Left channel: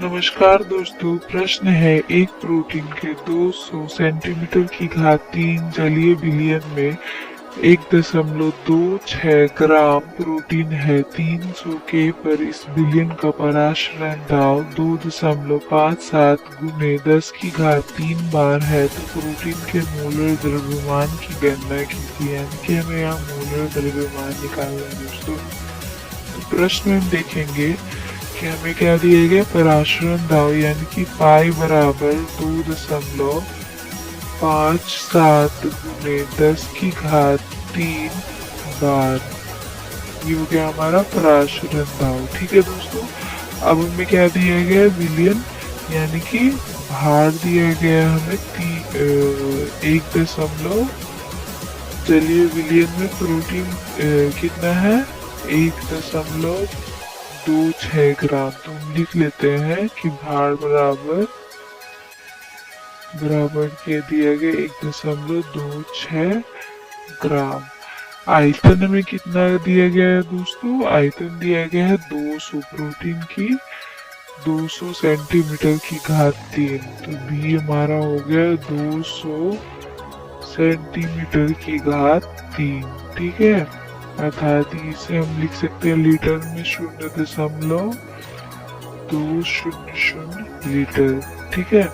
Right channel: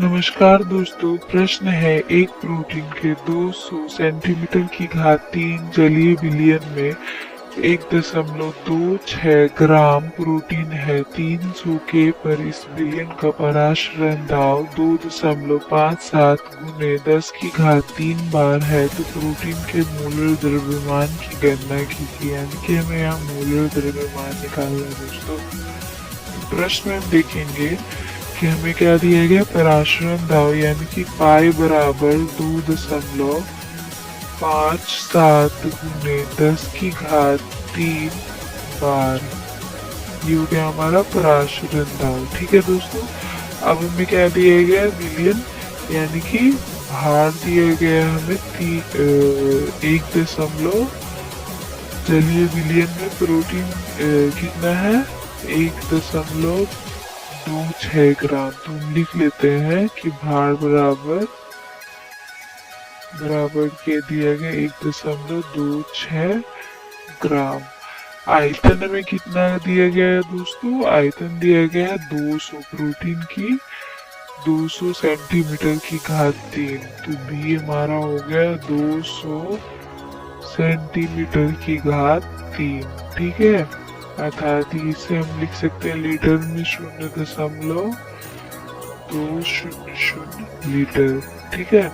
नमस्कार दोस्तों, प्रश्न है एक प्रोटीन के 200 सेंटीमीटर की घात 3 जलीय विलयन में 1.26 ग्राम प्रोटीन है। 300 के पर इस विलयन का पराशरण दाव 2.57 गुने 10 की घात 3 बार है। तो प्रोटीन के मोलर द्रव्यमान की गणना कीजिए। यानी कि हमें यहाँ मोलर द्रव्यमान निकालना है दोस्तों। तो प्रश्न में हम देखेंगे कि हमें क्या दिया गया, पराशरण दाव यानी कि पाई बराबर 2.57 गुने 10 की घात 3 बार। ये हो गया हमारा पराशरण दाव। ठीक है दोस्तों, अब हमें क्या दिया गया, विलयन यानी कि भार दिया गया हमें 1 जलीय विलयन में प्रोटीन कितना है, 1.26 ग्राम। तो हम लिख लेते हैं कि भार बराबर के दिया गया 1.26 ग्राम। आयतन हमें कितना दिया गया है दोस्तों, आयतन दिया गया है 200, प्रोटीन की 200 सेंटीमीटर की घात 3। तो बी हमारा हो गया 200 सेंटीमीटर की घात 3। ठीक है, अर्थात इसे हम लिख सकते हैं लीटर में 0.200 लीटर। ठीक है,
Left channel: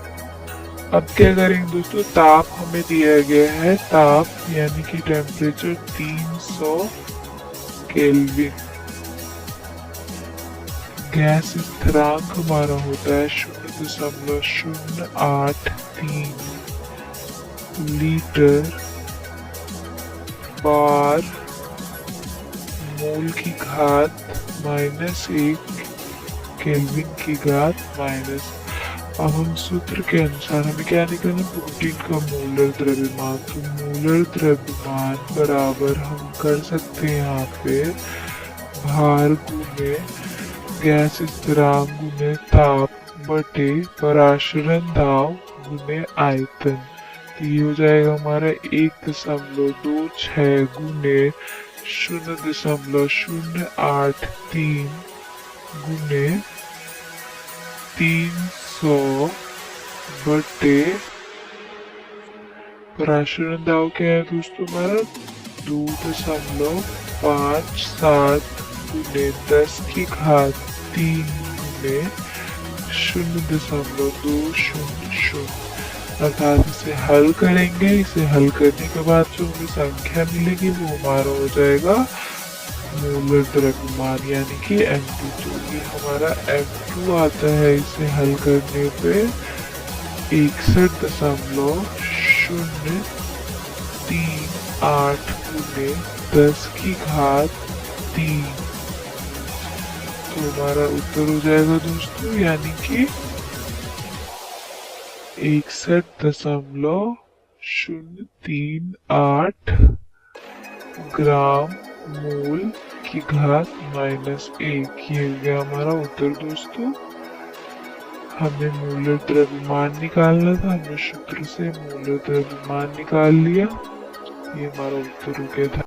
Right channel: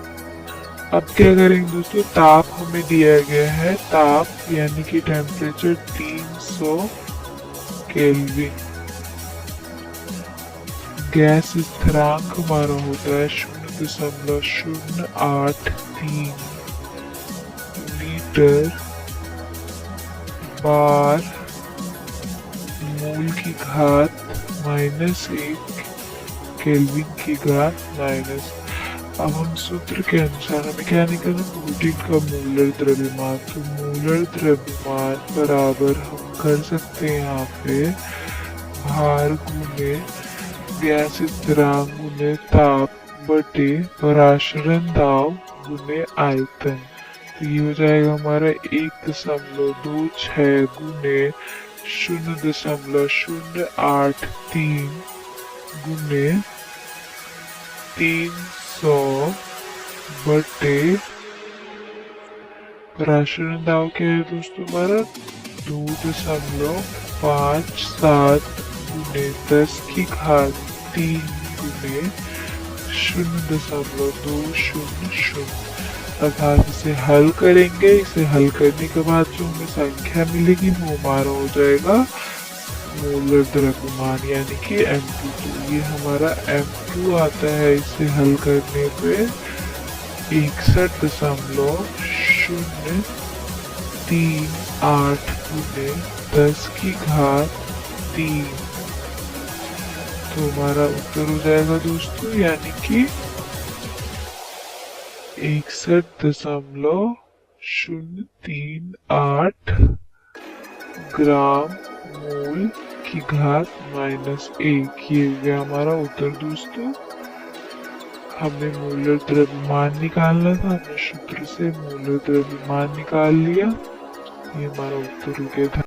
अब क्या करेंगे दोस्तों, ताप हमें दिया गया है, ताप यानी कि टेम्परेचर 300 केल्विन। गैस स्थिरांक हमारा होता है 0.083 लीटर बार मोल की घात -1 केल्विन की घात माइनस। अब हम सूत्र के अनुसार हमें क्या निकालना, प्रोटीन का मोलर द्रव्यमान। तो मोलर द्रव्यमान बराबर हम कर सकते हैं यहाँ पे भार गुने गैस स्थिरांक गुने ताप बटे पराशरण दाव गुने आयतन। तो ये हो जाएगा हमारा 1.26 गुने 0.083 गुने 300 बटे पराशरण दाव क्या है दोस्तों हमारा 2.57 गुने 10 की घात 3 गुने 0.200। अर्थात इसे हल करेंगे। इसे हल करने के बाद जो हमें संख्या मिलेगी वो हमारा हो जाएगा मोलर द्रव्यमान यानी कि M2। तो ये हमारा M2 आता है। इसे हल करने पे 61.038 गुने 10 की घात 3। तो हमारा उत्तर हो जाएगा दोस्तों यानी कि 61.038 ग्राम मोल की घात -1। ये हो गया हमारा उत्तर दोस्तों। हमें मोलर द्रव्यमान निकालना था, हमने सूत्र से मोलर द्रव्यमान निकाल लिया। ये हमारा उत्तर हो गया था।